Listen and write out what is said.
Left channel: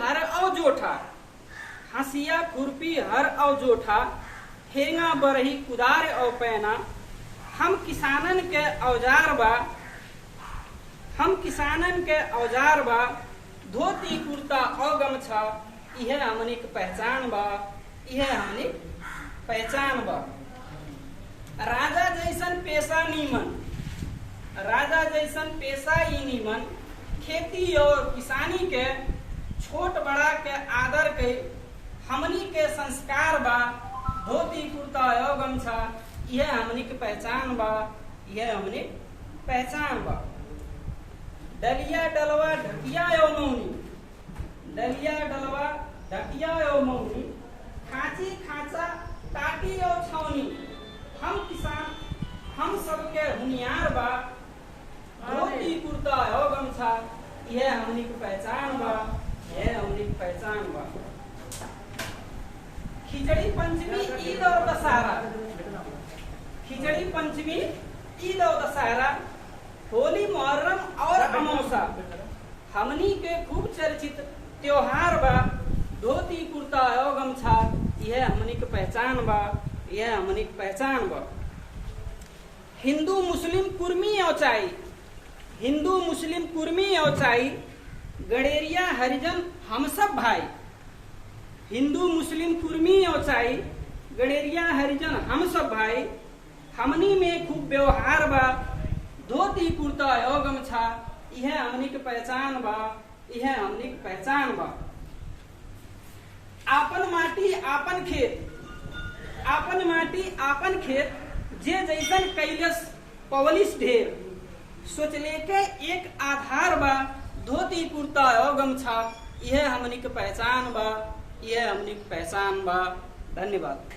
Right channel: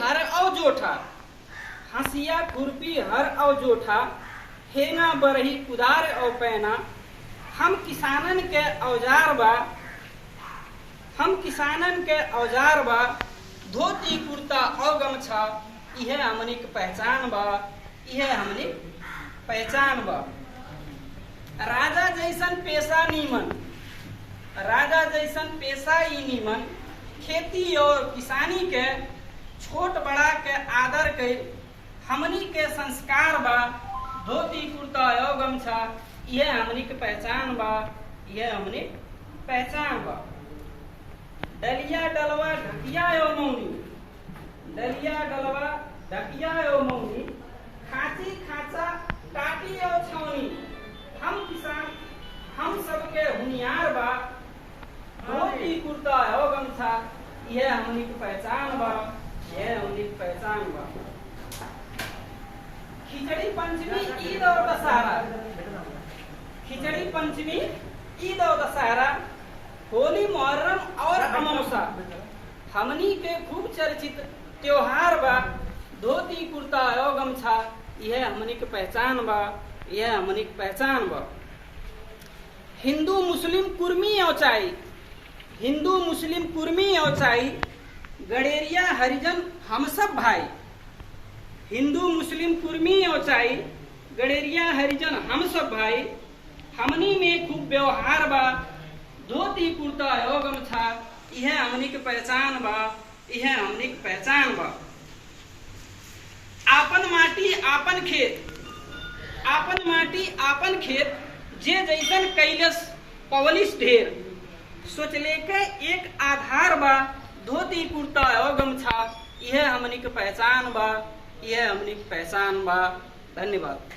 हर औ जोठा, हंसिया खुरपी हर औ जोठा, हेंगा बरही कुदार औ पैना। हम किसानन के औजार बा, हम किसानन के औजार बा, धोती कुर्ता औ गमछा, इहे हमनी के पहचान बा, इहे हमनी पहचान बा। राजा जैसन पेशा नीमन, राजा जैसन पेशा ही नीमन, खेती और किसानी के छोट बड़ा के आदर के हमनी के संस्कार बा, धोती कुर्ता और गमछा, यह हमनी के पहचान बा, यह हमनी पहचान बा। डलिया डलवा ढकिया यो मौनी, डलिया डलवा ढकिया यो मौनी, खांची खांचा टाटी यो छौनी। हम किसान हम सबके हुनियार बा, धोती कुर्ता हो गमछा, यह हमनी की पहचान बा, यह हमनी की पहचान बा। खिचड़ी पंचमी ईद और दशहरा, खिचड़ी पंचमी ईद और दशहरा, होली मुहर्रम और अमावसा, हमनी के खूब चर्चित त्योहार बा, धोती कुर्ता और गमछा, यह हमनी की पहचान बा, यह हमनी की पहचान बा। हिंदू मुस्लिम कुर्मी औचाई, हिंदू मुस्लिम कुर्मी औचाई, गडेरिया हरिजन हम सब भाई। हिंदू मुस्लिम कुर्मी औचाई, गडेरिया हरिजन हम सब भाई। हमनी में खूब व्यवहार बा, धोती कुर्ता और गमछा, यह हमनी के पहचान बा, यह हमनी के पहचान बा। आपन माटी आपन खेत, आपन माटी आपन खेत, जे जैसन कैलस पवलिस ढेर। सोचले के एक आधार बा, धोती कुर्ता और गमछा, यह हमनी के पहचान बा, यह हमनी के पहचान बा। धन्यवाद।